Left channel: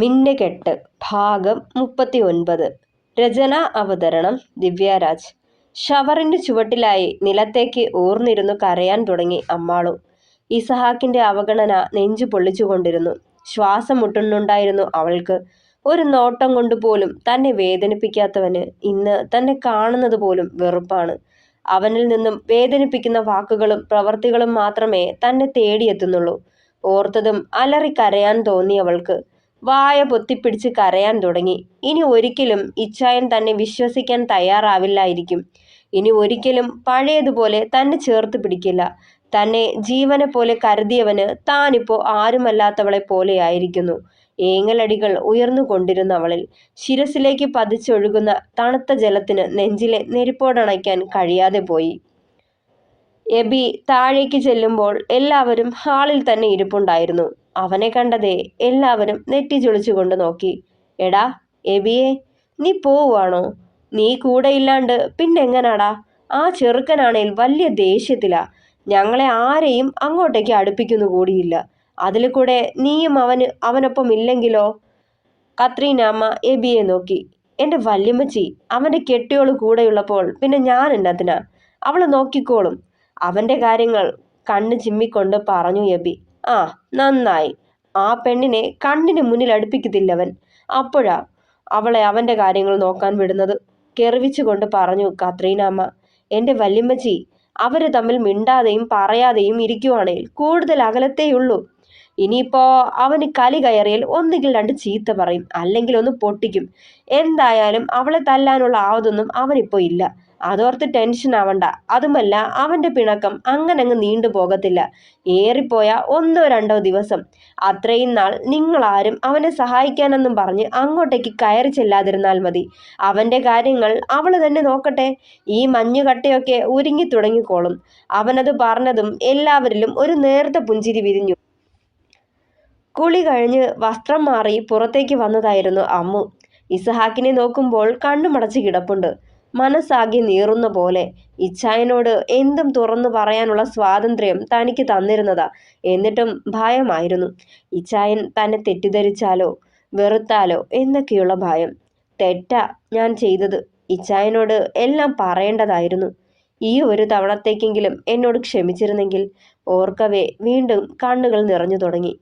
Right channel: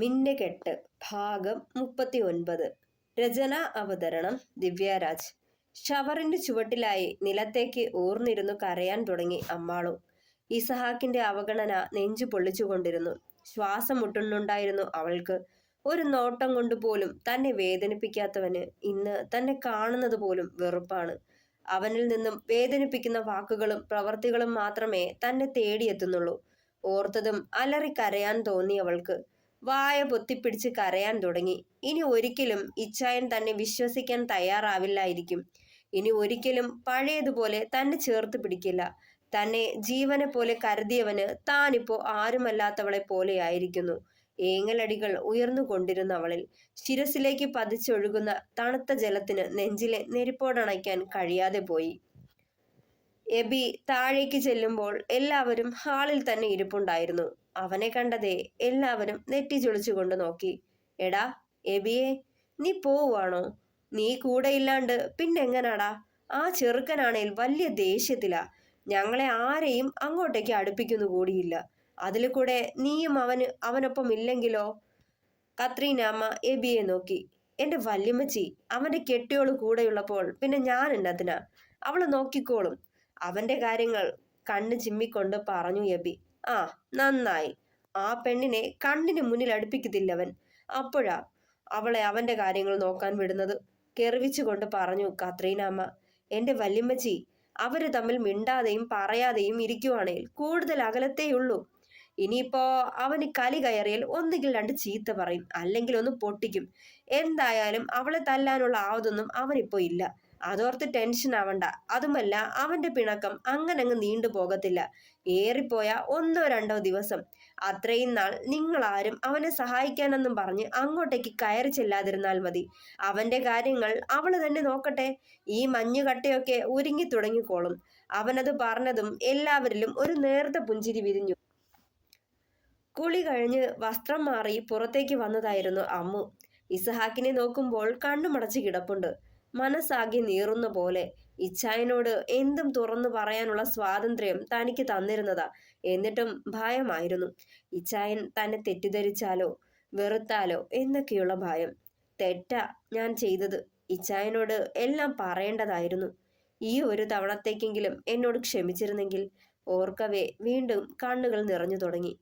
മിന്നുകെട്ട് ഭാഗം 39. രചന അവതരണം ദിവ്യരാജ്. ഷവറിന്റെ ചുവട്ടിലായി നിലത്തേക്ക് ഊർന്നിരുന്നു കരയാൻ തുടങ്ങി അമ്മാളു. ഇസഹാക്കിന്റെ അവഗണന നെഞ്ചു പൊള്ളിച്ചുകൊണ്ടിരുന്നു. ശ്വാസം മുട്ടുന്നുണ്ടായിരുന്നു അവൾക്ക്. ഒരു നോട്ടം കൊണ്ടുപോലും തന്നെ വേദനിപ്പിക്കാത്തവന് ഇന്ന് തന്നെ കാണുന്നത് പോലും വെറുപ്പാണ്. അവനിൽ നിന്നും വേദനിപ്പിക്കുന്ന വാക്കുകളും പ്രവർത്തികളും മാത്രമേ തന്നെ തേടിയെത്തുന്നുള്ളൂ. ഓർത്തതും അലറിക്കരയാൻ തോന്നി അവൾക്ക്. വായ പൊത്തിപ്പിടിച്ച് കരയാൻ തുടങ്ങി. ഇനി ഒരിക്കലും ഇച്ചായൻ തന്നെ വിശ്വസിക്കാൻ തയ്യാറാവില്ലായിരിക്കും. ഇനി ഒരിക്കലും പഴയതുപോലെ തന്നെ ചേർത്ത് പിടിക്കില്ല. തന്നെ ജീവനെ പോലെ കരുതിയവന് താനിപ്പോ ആരുമല്ലാത്തവളെ പോലെയായിരിക്കുന്നു. ഏങ്ങലടികൾ ഉയർന്നുകൊണ്ടിരുന്നവളിൽ ശിരസിലേക്ക് പതിച്ചൊഴുകുന്ന തണുത്ത ജലത്തിന് നെഞ്ചിലെ നെരിപ്പോടണയ്ക്കാൻ കഴിയാതെ പോയി. എബി താഴേക്ക് ചെല്ലുമ്പോൾ എല്ലാവരും ഹാളിൽ തന്നെ ഇരിപ്പുണ്ടായിരുന്നു. അവനെ കണ്ടതേ എല്ലാവരും നെറ്റിച്ചൊളിച്ചുകൊണ്ട് നോക്കി. എടാ എബിയെ, നീ പോവുകയാണോ? നീ കൂടെ ഇല്ലാണ്ട് പിന്നെങ്ങനാടാ? ആ ചെറുക്കനാണേൽ വലിയ ദേഷ്യത്തിലാ. ഞങ്ങളെ ആരെയും അങ്ങോട്ടേക്ക് അടുപ്പിക്കുന്നു കൂടിയില്ല. അതിൽ കൂടെ നീയും അവനൊപ്പം ഇല്ലെങ്കിലോ? കത്രീനാമ്മ എബിയെ നോക്കി. എൻ്റെ വല്യമ്മച്ചി, അവൻ്റെ കെട്ടിയോള് കൂടെയുള്ളപ്പോൾ പിന്നെ ഞാൻ എന്നതിനാ? അവള് നോക്കിക്കോളും. അവൻ്റെ കാര്യങ്ങൾ കണ്ണ് ചിമ്മിക്കൊണ്ട് പറഞ്ഞു എബി. ആ, നന്നായി. ആ പെണ്ണിനെ കണ്ണിന് മുന്നിൽ അടുപ്പിക്കത്തില്ലവൻ. അപ്പോഴാ അവളെ അവൻ്റെ കാര്യങ്ങൾ നോക്കാൻ വിടുന്നത്. കെറിവിച്ചുകൊണ്ട് പറഞ്ഞു കത്രീനാമ്മ. എൻ്റെ വല്യമ്മച്ചി, അവര് തമ്മിൽ മിണ്ടാതെയും പറയാതെയും ഇരിക്കുവാണേൽ കൂടുതൽ അകലത്തേയുള്ളൂ. ഇനിയിപ്പോ അവന് കലി കയറിയാൽ ഒന്നുകിൽ രണ്ട് ചീത്ത പറയും, അല്ലെങ്കിൽ ഒന്ന് പൊട്ടിക്കും. എന്തായാലും അവളെ തല്ലാനുള്ള ആവതൊന്നും അവനിപ്പോ ഇല്ല. അതോർത്ത് ടെൻഷൻ ആവണ്ട. അതുമല്ല, അവന്റെ പിണക്കം അങ്ങനങ്ങ് നീണ്ടു പോകത്തില്ല. ഏറിപ്പോയ 1-2 ദിവസം. അത്രയും നാൾ നിങ്ങളാരും അവനെ സഹായിക്കാനെന്നും പറഞ്ഞ് അങ്ങോട്ടേക്ക് കയറി ചെല്ലാതിരുന്നാൽ മതി. അവന്റെ കാര്യങ്ങൾ അവള് തന്നെ നോക്കട്ടെ. ഈ മഞ്ഞുകട്ടയൊക്കെ ഉരുങ്ങി തുടങ്ങിക്കോളും. അവനത് പറഞ്ഞതും എല്ലാവരിലും ഒരു നേർത്ത പുഞ്ചിരി വിരിഞ്ഞു. കുളി കഴിഞ്ഞ് വസ്ത്രം മാറി പുറത്തേക്ക് വന്നതായിരുന്നു അമ്മു. ഇസഹാക്കിനെ നോക്കുമ്പോൾ കണ്ണുമടച്ച് കിടപ്പുണ്ട്. മനസ്സാകെ നീറുന്ന പോലെ. ഇച്ചായനോട് എന്തും തുറന്നു പറയാനുള്ള സ്വാതന്ത്ര്യം തനിക്ക് തന്നിരുന്നതാ. എന്നിട്ടും ഭയമായിരുന്നു. ഇച്ചായൻ തന്നെ തെറ്റിദ്ധരിച്ചാലോ വെറുത്താലോ എന്നൊക്കെയുള്ള ഭയം. തെറ്റാ ഞാൻ ചെയ്തത്. ഇച്ചായനോട് എല്ലാം പറയേണ്ടതായിരുന്നു. ഈ ഒരു തവണത്തേക്കെങ്കിലും എന്നോട് ക്ഷമിച്ചിരുന്നെങ്കിൽ. ഓർക്കവേ വീണ്ടും കണ്ണുകൾ നിറഞ്ഞു തുടങ്ങി.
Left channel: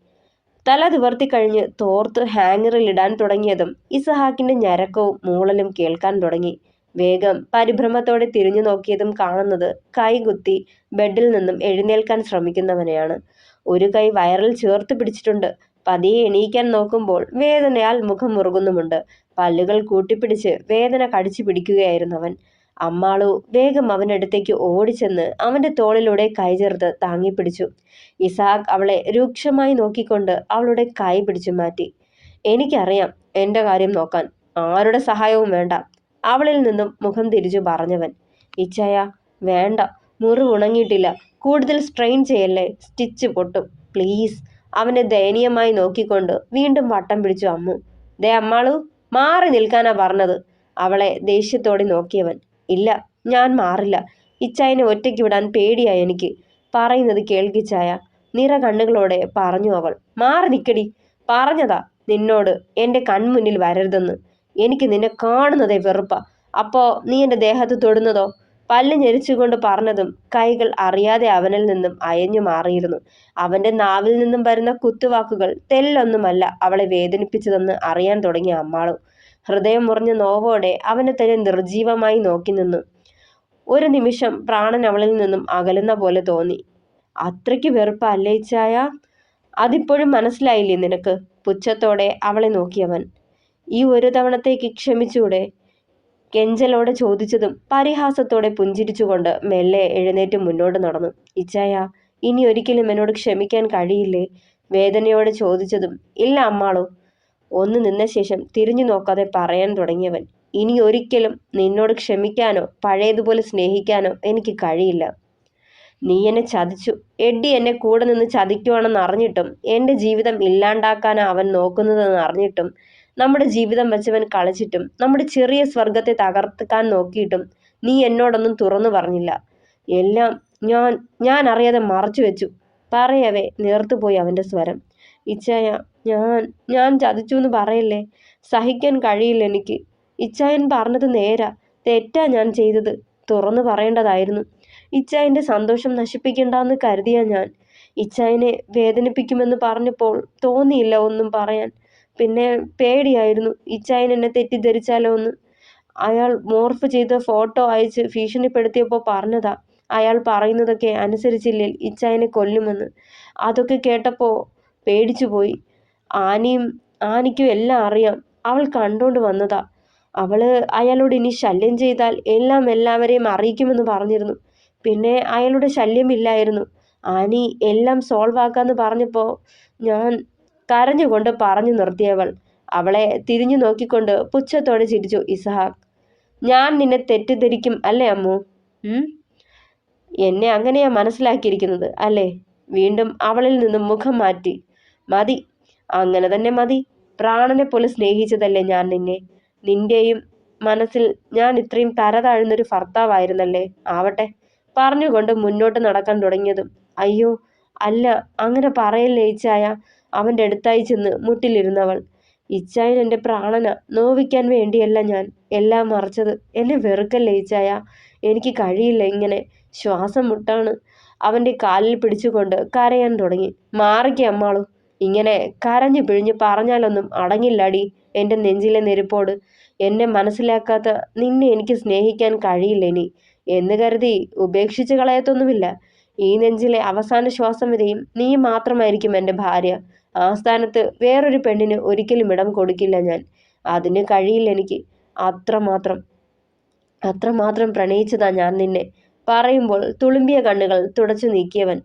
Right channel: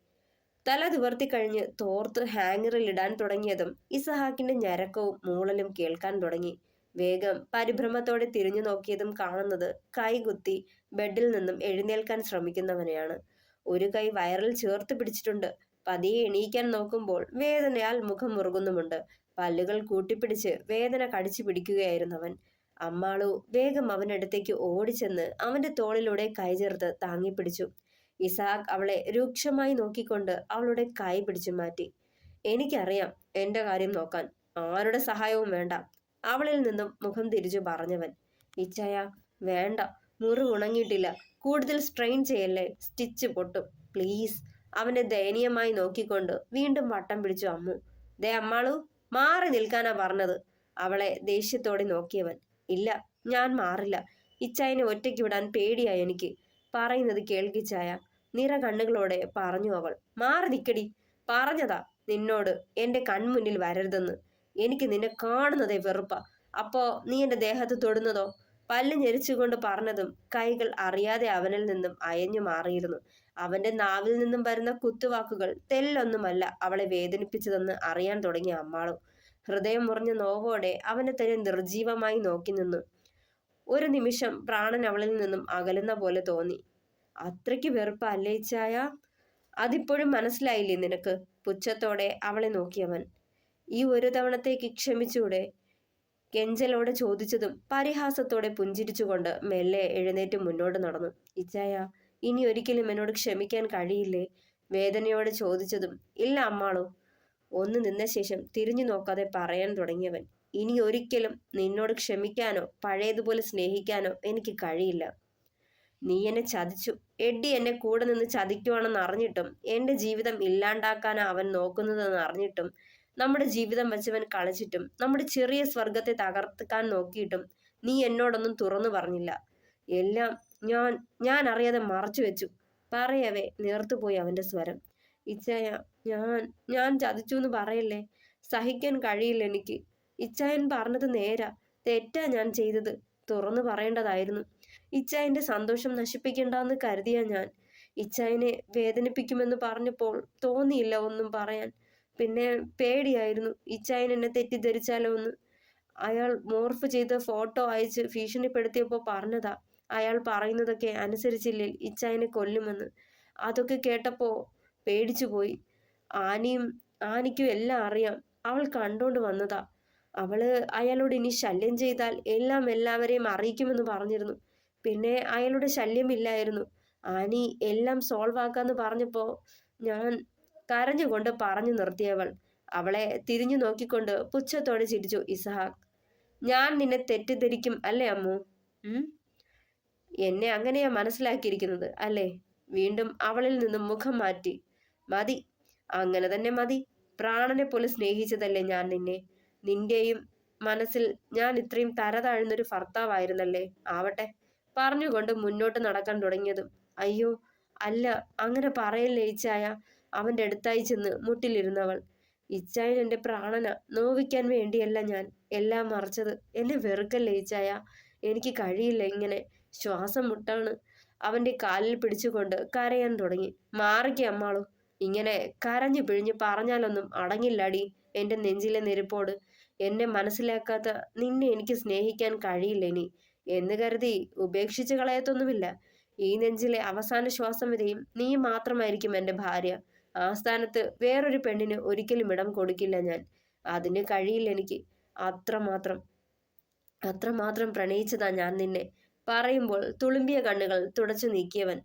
തല നിവർത്തിക്കഴിഞ്ഞ് തോർത്ത് ഹാങ്ങറിൽ ഇടാൻ തുടങ്ങിയതും ഇസഹാക്കിന്റെ ഞരക്കവും മൂളലും കേൾക്കാൻ തുടങ്ങി. വേഗം പരിഭ്രമത്തോടെ തിരിഞ്ഞു നോക്കിയതും കാണുന്നത് കൈകുത്തി ബെഡിൽ നിന്നും എഴുന്നേൽക്കാൻ ശ്രമിക്കുന്നവനെയാണ്. ഒരു കൈ വയറിൽ ചേർത്ത് പിടിച്ചിട്ടുണ്ട്. പതിയെ എണീക്കാൻ നോക്കുമ്പോൾ വേദനയാൽ മുഖം മുറുകുന്നുമുണ്ട്. പല്ലുകൾ കൂട്ടിപ്പിടിച്ച് വേദന കടിച്ചു പിടിക്കുകയായിരുന്നവൻ. അമ്മാളു വേഗം അവനടുത്തേക്ക് ഓടിച്ചെന്ന് അവന്റെ തോളിലൂടെ കൈ ചേർത്ത് താങ്ങിപ്പിടിച്ചു. ഇസഹാക്ക് അവളെ രൂക്ഷമായി നോക്കിക്കൊണ്ട് അവളുടെ കൈ പിടിച്ചു മാറ്റി. എനിക്കറിയാം എൻ്റെ കാര്യം നോക്കാൻ. ആരുടെ സഹായവും വേണ്ട. അവളിൽ നിന്നും മുഖം തിരിച്ചു പറഞ്ഞവൻ. ഇച്ചായ, വേണ്ട. മുറിവ് ഉണങ്ങിയിട്ടില്ല. കൂടുതൽ സ്ട്രെയിൻ ചെയ്യല്ലേ, സ്റ്റിച്ച് പൊട്ടും. പ്ലീസ്. അവനെ ദയനീയമായി നോക്കിക്കൊണ്ട് വീണ്ടും വട്ടം പിടിച്ചു അമ്മു. ദേ അമ്മാളു, മാറി നിൽക്കാനാ പറഞ്ഞത്. അവളെ ദേഷ്യത്തോടെ നോക്കിയവൻ. ഇല്ല, ഞാൻ മാറില്ല. ഇച്ചായനെ ഒറ്റയ്ക്ക് വിടാൻ പേടിയായി എനിക്ക്. പറയുന്നത് കേൾക്കിച്ചായ, നിറ കണ്ണുകളോടെ പറഞ്ഞു അവൾ. മാറി നിക്കടി. പറഞ്ഞതാ നിന്നോട് എൻ്റെ കൺമുന്നിൽ വരരുതെന്ന്. എനിക്ക് നിന്നെ കാണുന്നതേ വെറുപ്പാ. അപ്പോ നീ എൻ്റെ ദേഹത്ത് തൊടുന്നതോ? പല്ല് ഞെരിച്ചുകൊണ്ട് പറഞ്ഞതും കൈകൾ അറിയാതെ അവനിൽ നിന്നും അയഞ്ഞു മാറിയിരുന്നു. അവന്റെ നാവിൽ നിന്നും വരുന്ന കുത്തുവാക്കുകൾ തെല്ലൊന്നുമല്ല അവളെ വേദനിപ്പിച്ചതെന്ന് അറിയാൻ തുടങ്ങിയ അമ്മാളു ഹൃദയം മുറിഞ്ഞ നോവോടെ അവനെ തന്നെ നിർജീവമായി നോക്കി നിന്നു. ഒരു നിമിഷം പ്രാണൻ അവളിൽ നിന്നും അകലുന്ന പോലെ തോന്നി. അത്രയ്ക്ക് വെറുപ്പാ അല്ലേ ഇച്ചായ? അതിപ്പോഴും മനസ്സിലായില്ലേ നിനക്ക്? പുച്ഛത്തോടെ അവളെ നോക്കിയവൻ. ഈ ഒരു തവണത്തേക്ക് ക്ഷമിച്ചൂടെ? കെഞ്ചലോടെ ചോദിച്ചതും പരിഹാസത്തോടെ പുഞ്ചിരിച്ചുകൊണ്ട് മെല്ലെ എഴുന്നേറ്റ് മുന്നോട്ട് നടന്നു. ഇച്ചായ, ഇനി ഒരിക്കലും എന്നോട് ക്ഷമിക്കാൻ കഴിയില്ലേ? വേദനയോടെ ചോദിച്ചതും ഇല്ല അമ്മാളോ. ഒന്ന് നിന്ന ശേഷം തിരിഞ്ഞു നോക്കാതെ പറയാൻ തുടങ്ങിയവൻ. ഇനി ഒരിക്കലും നിന്നോട് ക്ഷമിക്കാനോ പഴയതുപോലെ സ്നേഹിക്കാനോ എനിക്ക് കഴിയില്ല. നീ എന്നെ ചതിച്ചു. എഡ്ഡി എന്നെ കൂടെ നിന്ന് ചതിക്കുവാണെന്ന് അറിഞ്ഞിട്ടും, എൻ്റെ ജീവിതം ഇല്ലാണ്ടാക്കാനാ അവൻ നോക്കുന്നതെന്ന് അറിഞ്ഞിട്ടും, നമ്മുടെ ജീവിതം വെച്ചവൻ കളിച്ചിട്ടും, നമ്മുടെ ചെറിയ സ്വർഗത്തെ തകർക്കാൻ നോക്കിയിട്ടും നീ എന്നോടൊന്നും തുറന്നു പറഞ്ഞില്ല. എല്ലാം ഞാൻ അറിയാതെ മറച്ചു വെച്ചു. പറയവേ നേർത്തുപോയി അവൻ്റെ സ്വരം. ഇച്ചായ, ഞാൻ ഞാൻ ചതിച്ചു എന്ന് പറയല്ലേ. സഹിക്കാൻ കഴിയില്ല എനിക്ക്. ഇച്ചായൻ പറഞ്ഞത് നേരാ. തെറ്റാ ഞാൻ ചെയ്തത്. തുറന്നു പറയേണ്ടതായിരുന്നു. ഇച്ചായൻ്റെ സന്തോഷം നശിപ്പിക്കണ്ടെന്ന് കരുതിയ ഞാൻ. ഇച്ചായനെ വേദനിപ്പിക്കുമെന്ന് പറഞ്ഞപ്പോൾ തോന്നിയില്ല ഒന്നും പറയാൻ. പിന്നെ പേടിയായിരുന്നു ഇച്ചായൻ എന്നെ തെറ്റിദ്ധരിച്ചാലോ എന്ന്. അയാൾ മോർഫ് ചെയ്ത ഫോട്ടോ അയച്ച് ഭീഷണിപ്പെടുത്തിയപ്പോൾ പറഞ്ഞതാ അയാൾ പറയുന്നതൊക്കെ അനുസരിച്ചില്ലേ ഇച്ചായനെ കൊല്ലുമെന്ന്. അതൊക്കെ കേട്ടപ്പോൾ പേടിച്ചുപോയി. ആനിയും ആനിക്കും എല്ലാം അറിയാം. അവൾ കണ്ടോണ്ട് വന്നതാ. അവള് അയാളോട് ഇനി ശല്യം ചെയ്താൽ എല്ലാം എല്ലാവരെയും അറിയിക്കുമെന്ന് പറഞ്ഞിരുന്നു. പിന്നെ അയാളുടെ ശല്യമില്ലായിരുന്നു. ആനി എല്ലാം സോൾവ് ആക്കാന്ന് പറഞ്ഞപ്പോൾ ഞാൻ കരഞ്ഞുകൊണ്ട് പറഞ്ഞു നിർത്തിയവൾ. അവളെ തിരിഞ്ഞു നോക്കിക്കൊണ്ട് പുച്ഛത്തോടെ ചിരിച്ചു ഇസഹാക്ക്. ഞാൻ നിന്നെ തെറ്റിദ്ധരിക്കും അല്ലേ അമ്മു? എന്നെ അങ്ങനെയാ മനസ്സിലാക്കിയിരിക്കുന്നത് അല്ലേ? വീണ്ടും അവളിൽ നിന്നും മുഖം മാറ്റി. മതി, അങ്ങനെ തന്നെ മതി. പ്രാണനെ പോലെ സ്നേഹിച്ചതല്ലേ ഞാൻ നിന്നെ. നിന്റെയും മനസ്സിൽ ഞാൻ ഇത്രയും തരതാഴുന്നൊരു ഭർത്താവായിരുന്നല്ലേ. ആവട്ടെ, പറഞ്ഞുകൊണ്ട് മുന്നോട്ട് നടക്കാൻ തുടങ്ങിയതും അയ്യോ അല്ല, അങ്ങനെ പറയല്ലേ ഇച്ചായ. അവൻ്റെ അടുത്തായി ചെന്ന് മുട്ടിലിരുന്നവൾ. ഇച്ചായൻ എൻ്റെ പ്രാണന നോവിക്കാൻ വേണ്ടിയല്ല ഞാൻ എല്ലാം മറച്ചത്. എന്നെ വെറുക്കല്ലേ ഇച്ചായ. എനിക്ക് കഴിയില്ല ഇങ്ങനെ. ശ്വാസം മുട്ടാണ്. അവൻ്റെ കാലിൽ പിടിച്ചുകൊണ്ട് കരയാൻ തുടങ്ങി. മാറിക്ക് അമ്മാളു. ഇങ്ങനെ കരഞ്ഞു പിഴിഞ്ഞ് പറഞ്ഞാലൊന്നും അടങ്ങില്ലടി എൻ്റെ നെഞ്ചിലെ നെരുപ്പോട്. എന്നെ മനസ്സിലാക്കാത്ത നിന്നെ എനിക്ക് സ്നേഹിക്കാൻ കഴിയില്ല ഇനി എന്ന് കരുതി ഉപേക്ഷിച്ച് കളയത്തൊന്നുമില്ല. ഈ നെഞ്ചിലെ അവസാന ശ്വാസം വരെയും നീ മാത്രമായിരിക്കും എൻ്റെ ഭാര്യ. ആ സ്ഥാനത്ത് വേറൊരു പെണ്ണിന് ഒരിക്കലും ഇടം കൊടുക്കില്ല ഞാൻ. അതിന് കഴിയില്ല എനിക്ക്. അത്രമാത്രം അത്രമാത്രം പ്രണയിച്ചതാ ഞാൻ നിന്നെ. പറയുമ്പോൾ തുളുമ്പിയ കണ്ണുകൾ തുടച്ചു നീക്കിയവൻ.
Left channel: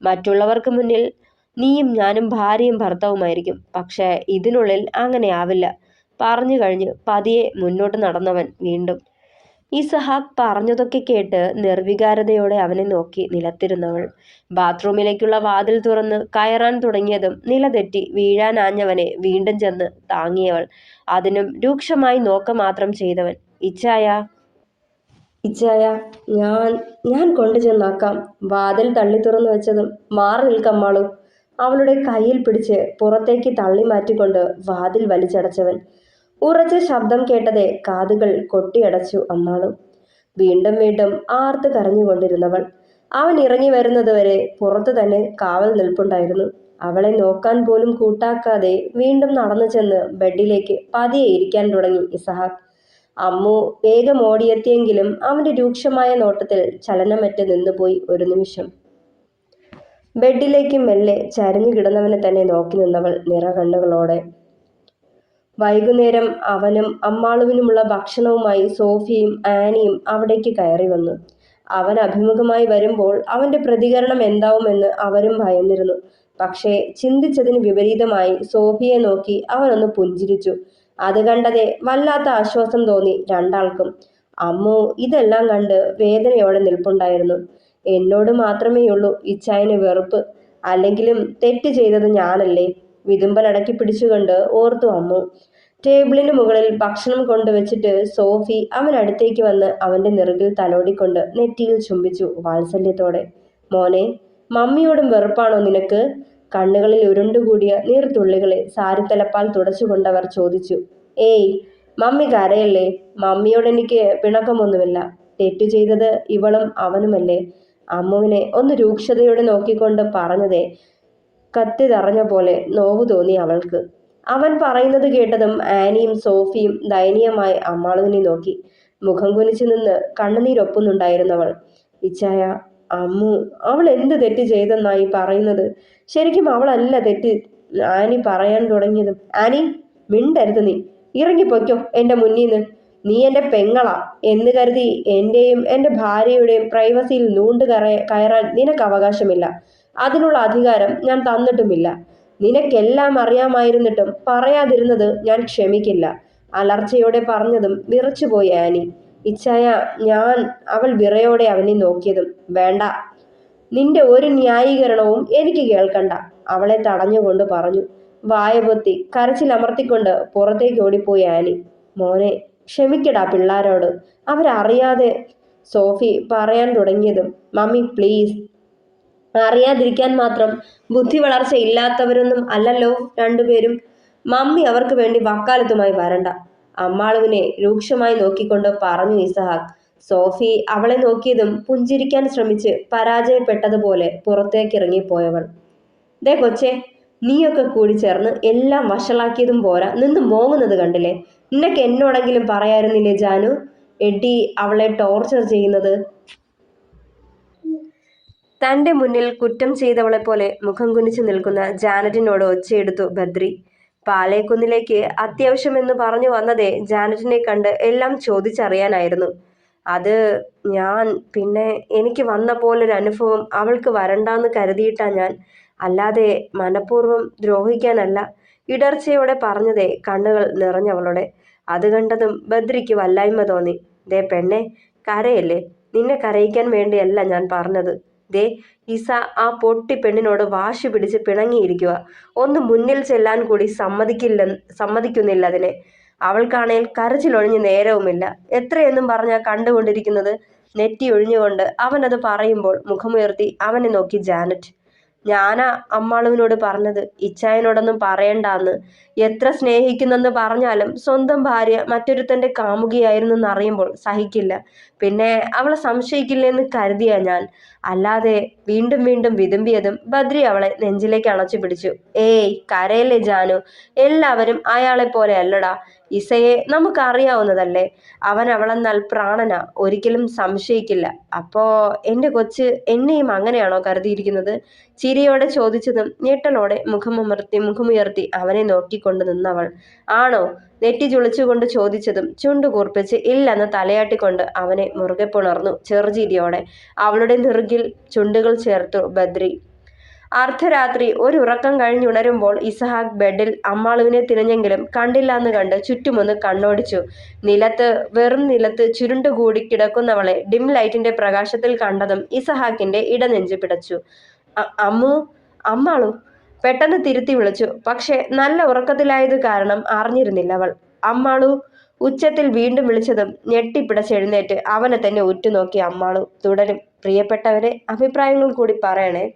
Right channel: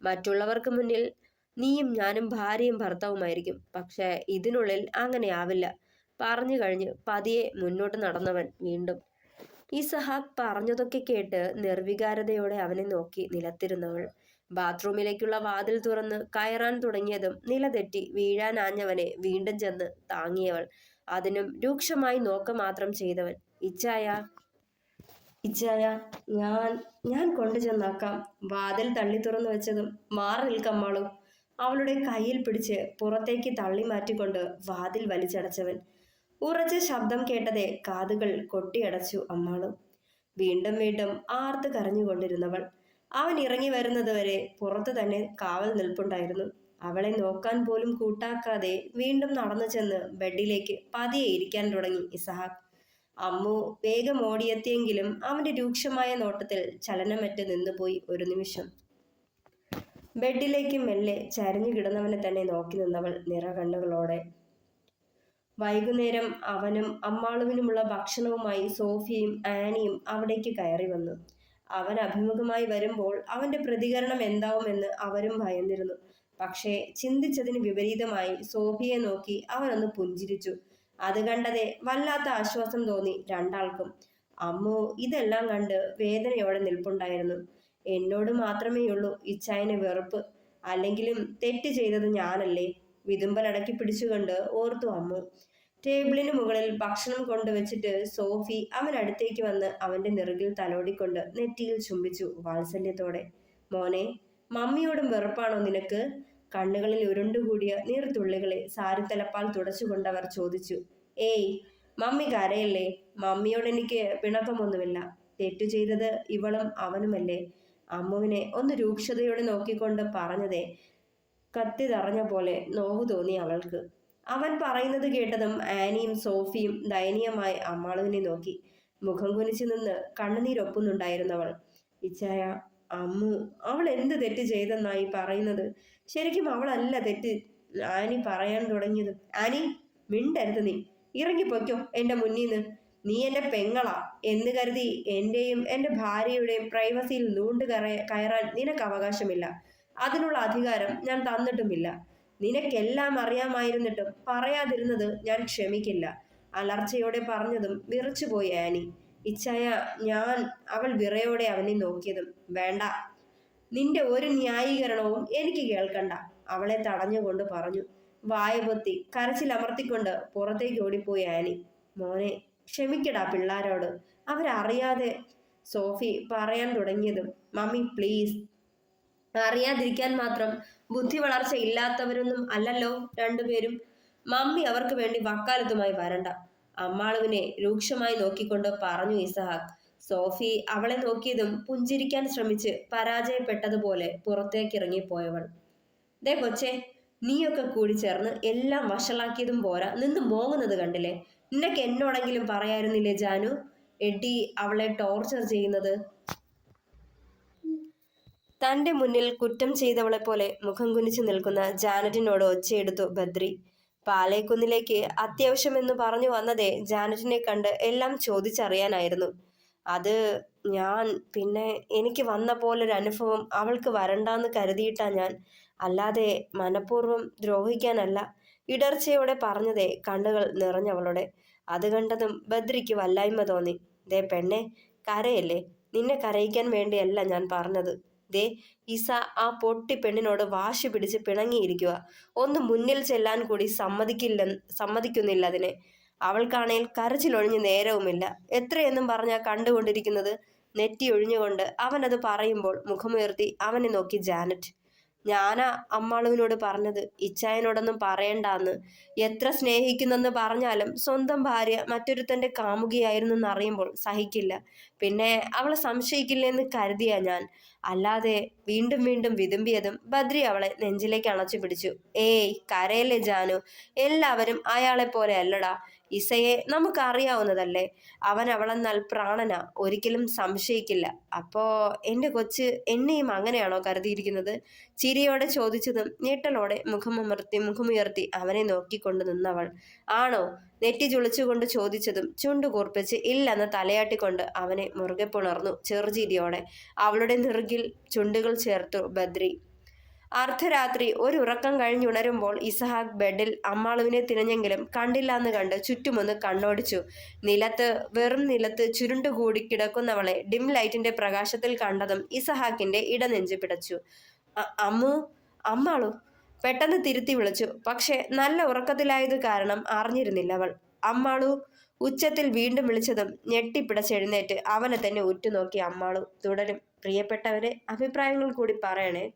മറ്റുള്ളവർക്ക് മുന്നിൽ നീയും ഞാനും ഭാര്യയും ഭർത്താവുമായിരിക്കും. പക്ഷേ ഇതിനുള്ളിൽ അങ്ങനെ ആവില്ല. പറഞ്ഞു കഴിഞ്ഞ് പതിയെ മുന്നോട്ട് നടന്നവൻ വീണ്ടും. ഇസഹാക്ക് പറഞ്ഞതൊക്കെ കേട്ട് നിർവികാരതയോടെ അവനെ നോക്കി നിലത്തിരുന്നവൾ. ബാത്റൂമിലേക്കുള്ള വാതിൽ തുറന്ന് കയറാൻ തുടങ്ങിയതും നിലതെറ്റി വീഴാനാഞ്ഞവനെ വീണ്ടും ചെന്ന് താങ്ങിയവൾ. അതിനും രൂക്ഷമായി നോക്ക മാത്രം ചെയ്തവൻ. ഇച്ചായ ഇച്ചായ, ഞാൻ ഞാൻ കൊണ്ടു ചെന്നാക്കാം. വാതിൽ തള്ളി തുറന്നു വെച്ചതും മാറി നിൽക്കമ്മാളു. അവളുടെ കയ്യിൽ പിടിച്ച് പുറത്തേക്ക് തള്ളി മാറ്റിക്കൊണ്ട് വാതിൽ വലിച്ചടച്ചവൻ. ഉറച്ച ശബ്ദം കേട്ടതെ കാതുകൾ കൊട്ടിയടച്ചു അമ്മാളു. വീണ്ടും വീണ്ടും ആർത്ത് കരഞ്ഞുകൊണ്ടിരുന്നവൾ. അവൻ ഇറങ്ങി വരുന്നതുവരെ പുറത്തു തന്നെ കാവൽ നിൽപ്പുണ്ടായിരുന്നു. അവളെ നോക്കാൻ പോലും കൂട്ടാക്കാതെ വീണ്ടും നടന്നു ചെന്ന് ബെഡിലേക്ക് പതിയെ ഇരിക്കാൻ തുടങ്ങി ഇസഹാക്ക്. അമ്മു വേഗം ഓടിയെത്തിയെങ്കിലും അവന്റെ രൂക്ഷമായ നോട്ടത്തിൽ ചലനമറ്റ് നിന്നുപോയി ഒരു നിമിഷം. ബെഡിലേക്ക് മെല്ലെ ചരിഞ്ഞു കിടന്നവനെ തന്നെ നോക്കി നിന്നവൾ നിറകണ്ണുകളോടെ. വൈകുന്നേരം അവനും അമ്മാളുവിനുമുള്ള ഭക്ഷണവുമായി സോഫിയയും ആനിയും അവിടേക്ക് കയറി വന്നു. അവൻ അഭിമുഖമായി വരുമ്പോൾ അവന്റെ പ്രതികരണം എന്താവുമെന്ന് അവരും ഭയന്നിരുന്നു. പക്ഷേ ചിന്തിച്ചതിന് വിപരീതമായി സോഫിയെ നോക്കി അവനൊന്ന് പുഞ്ചിരിച്ചു. അത് കണ്ടതെ വല്ലാത്ത ആശ്വാസം തോന്നി രണ്ടാൾക്കും. അമ്മു ഇതെല്ലാം കണ്ട് വേദനയോടെ നിൽപ്പുണ്ടായിരുന്നു. എന്നോട് മാത്രമേയുള്ളൂ ഇച്ചായന് വെറുപ്പ്. അല്ലെങ്കിലും തെറ്റ് ചെയ്തത് ഞാനല്ലേ. വിതുമ്പലടക്കി പിടിച്ചുകൊണ്ട് ഓർത്തു അമ്മു. ടേബിളിന് മുകളിൽ ഭക്ഷണം കൊണ്ടുവച്ചിട്ട് സോഫി അവനടുത്തേക്ക് വന്ന് അവന്റെ നെറുകിൽ തലോടിക്കൊണ്ട് നെറ്റിയിൽ ചുംബിച്ചു വാത്സല്യത്തോടെ. മോനെ, മമ്മിയോടും വെറുപ്പാണോ നിനക്ക്? കണ്ണുകളിൽ ഉരുണ്ടുകൂടിയ നീർത്തുള്ളികളെ സാരിത്തലപ്പാൽ തുടച്ചുകൊണ്ടവർ ചോദിച്ചു. ഏയ്, മമ്മി കരയല്ലേ. മമ്മിയോട് എനിക്ക് പിണക്കമൊന്നുമില്ല. തെറ്റു ചെയ്തത് ഇവളും അവനുമല്ലേ. അമ്മുവിനെ ഒന്ന് രൂക്ഷതയോടെ നോക്കിക്കൊണ്ട് പറഞ്ഞതേ കത്തി തറഞ്ഞ പോലെ നോവു തോന്നി അവൾക്ക്. അവൻ പറയുന്നത് കേട്ടതും ആനിയും സോഫിയും ദയനീയമായി അമ്മാളുവിനെ നോക്കി. മുഖം കുനിച്ചു നിന്ന് കണ്ണുനീരൊപ്പുന്നുണ്ടായിരുന്നവൾ. ഇച്ചായ, അമ്മു അവൾ എന്ത് തെറ്റ് ചെയ്തെന്നായി പറയുന്നത്? ശരിക്കും അവളല്ല തെറ്റ് ആനി പറയാൻ തുടങ്ങിയതും. ആനി, മിണ്ടരുത്. നീ ഇറങ്ങിപ്പൊയ്ക്കോ എൻ്റെ മുന്നീന്ന്. നീ എൻ്റെ പെങ്ങളാ എന്ന് കരുതി എൻ്റെയും എൻ്റെ ഭാര്യയുടെയും പ്രൈവസിയിൽ കയറാൻ നിനക്ക് അവകാശമില്ല. അതിനുള്ള അധികാരം ഞാൻ തന്നിട്ടുമില്ല. നിനക്കെല്ലാം അറിയാമായിരുന്നിട്ടും പറയാതിരുന്നത് ഞാൻ ക്ഷമിക്കില്ല. അലർച്ചയോടെ പറഞ്ഞതും വിറച്ചുപോയി ആനി. ഇച്ചായ, അവൾ വിറയോടെ അവനെ നോക്കിയതും. വേണ്ട, നിന്റെ ഒരു ന്യായീകരണവും എനിക്ക് കേൾക്കണ്ട, അവളെ തടഞ്ഞുകൊണ്ട് പറഞ്ഞു. വായപൊത്തി കരച്ചിലമർത്തിക്കൊണ്ട് പുറത്തേക്ക് ഓടിപ്പോയി ആനി. മോനെ, ക്ഷമിക്കടാ പിള്ളാരോട്. അവരറിയാതെ സോഫി പറയാൻ തുടങ്ങിയതും. Mummy please. അറിയാതിരിക്കാൻ മാത്രം ബുദ്ധി വളർച്ച ഇല്ലാത്തവരൊന്നും അല്ലല്ലോ രണ്ടുപേരും. മമ്മി അവർക്ക് വേണ്ടി വക്കാലത്തുമായി വരണ്ട. അമ്മാളുവിനെ രൂക്ഷമായി നോക്കിക്കൊണ്ട് പറഞ്ഞു ഇസഹാക്ക്. സോഫി അവളെ നോക്കിയതും പുഞ്ചിരിക്കാൻ ശ്രമിച്ച് പരാജയപ്പെട്ടതുപോലെ പുറത്തേക്കിറങ്ങിപ്പോയവൾ. ദേ കൊച്ചേ, നീയൊക്കെ കൂടി ചേർന്ന് എല്ലാം വഷളാക്കിയതും പോരാ, നിന്ന് മോങ്ങുന്നത് കണ്ടില്ലേ? നിനക്ക് എന്നോടെങ്കിലും പറയായിരുന്നില്ലേ ജാനു? എഡി അവളെ ടോർച്ചർ ചെയ്യുന്നത്. തന്റെ മുന്നിൽ കുറ്റം ചെയ്തവളെ പോലെ മുഖം കുനിച്ചു നിൽക്കുന്ന ജാനറ്റിനോട് ഒച്ചയെടുത്തു ബദ്രി. പാലേക്കുന്നിലേക്ക് അത്യാവശ്യമെന്ന് പറഞ്ഞു വന്നതേ ജാനറ്റിനെ കണ്ട് എല്ലാം ചോദിച്ചറിയാനായിരുന്നു. അത് പിന്നെ എനിക്ക് വന്ന പോലൊരു അനുഭവം അവൾക്ക് വരണ്ടാന്ന് കരുതിയിട്ടാ ഞാൻ, അല്ലാതെ മനഃപൂർവ്വം ദ്രോഹിക്കാനല്ല. ഇടർച്ചയോടെ പറഞ്ഞതേ കണ്ണുകൾ നിറഞ്ഞവളുടെ. അത് കണ്ടതും ബദ്രിക്ക് വല്ലായ്മ തോന്നി. ദേ പെണ്ണെ, കരയല്ലേ. നിന്നെ കരയിക്കാൻ വേണ്ടിയല്ല ഞാൻ പറഞ്ഞത്. ദേ ഇസ ആ പൊട്ടി പെണ്ണിനോട് വാശി പിടിച്ച് പിണങ്ങിയിരിക്കുക. ഒന്ന് മുന്നിൽ ചെല്ലാൻ കൂടി സമ്മതിക്കുന്നില്ല അതിനെ. അവൾക്കാണേൽ കരച്ചിലൊഴിഞ്ഞ് നേരവുമില്ല. എത്രയെന്നും പറഞ്ഞാ കണ്ടുകൊണ്ടിരിക്കുന്നത്. നെറ്റി ഒഴിഞ്ഞുകൊണ്ട് അവനത് പറയുമ്പോൾ മുഖമുയർത്തി അവനെ നോക്കി ജാനറ്റ്. ഞാനാ അമ്മാളുവിനോട് പറഞ്ഞത് ഇച്ചായനോടൊന്നും പറയണ്ടാന്ന്. എത്ര സ്നേഹിക്കുന്നെന്ന് പറഞ്ഞാലും സ്വന്തം ഭാര്യ മറ്റൊരുത്തൻ്റെ കാമുകിയായിരുന്നെന്ന് അറിയുമ്പോൾ സഹിക്കില്ല. പിന്നെ അവളെ സംശയിക്കില്ലെന്ന് കരുതിയാ ഞാൻ. അല്ലാതെ വീണ്ടും വീണ്ടും വിതുമ്പിയതും ബദ്രി അവളെ നെഞ്ചിലേക്ക് അണച്ചു പിടിച്ചു. ഏയ് കരയല്ലേ ജാനു, എല്ലാവരും അയാളെ പോലെ അല്ലടാ. ഇസയെ നമുക്കറിയാവുന്നതല്ലേ. അവൻ അവളെന്നാൽ പ്രാണനാ, ഒരിക്കലും സംശയിക്കില്ല. അപ്പോ എൻ്റെ കൊച്ച് എന്നെയും അങ്ങനെയാണോ കരുതിയിരിക്കുന്നത്? ചിരിയോടെ ചോദിച്ചതും ഞെട്ടലോടെ മുഖമുയർത്തി അവനെ നോക്കിക്കൊണ്ട് നിന്നവൾ. ആണോ? നെറ്റി ചുളിച്ചുകൊണ്ട് ചോദിച്ചതും ചുണ്ടുകൂർപ്പിച്ച് ഇല്ലെന്ന് തലയാട്ടിക്കൊണ്ട് അവനെ മുറുകെ പുണർന്നു ചെറുചിരിയോടെ. അവളുടെ നെറുകിൽ ചുണ്ടുകൾ ചേർത്തു ബദ്രി. അർദ്ധരാത്രി ഒരു ഉറക്കം കഴിഞ്ഞുണരുമ്പോൾ ഇസഹാക്ക് ബെഡിൽ അമ്മാളുവിനെ തിരഞ്ഞെങ്കിലും കണ്ടില്ലാന്ന് കണ്ട് ചുറ്റുമൊന്ന് കണ്ണോടിച്ചു. വെറും നിലത്ത് ചുരുണ്ടുകൂടി കിടക്കുന്നവളെ ഡിം ലൈറ്റിന്റെ പ്രകാശത്തിൽ കണ്ടതും ഇസഹാക്കിന്റെ ഇടനെഞ്ച് പിടച്ചു. അമ്മാളു പെട്ടെന്ന് തിരുത്തി വിളിച്ചു. പക്ഷെ നല്ല ഉറക്കത്തിലായത് കാരണം അറിഞ്ഞിരുന്നില്ല അവൾ. അമ്മാളു ഉച്ചത്തിൽ വീണ്ടും വിളിച്ചതും ഞെട്ടിപ്പിടച്ചെഴുന്നേറ്റ് അവനെ തന്നെ ഉറ്റുനോക്കി അമ്മാളു തുടരും. പ്രിയപ്പെട്ടവരെ, അഭിപ്രായങ്ങൾ കൂടി പറയണേ.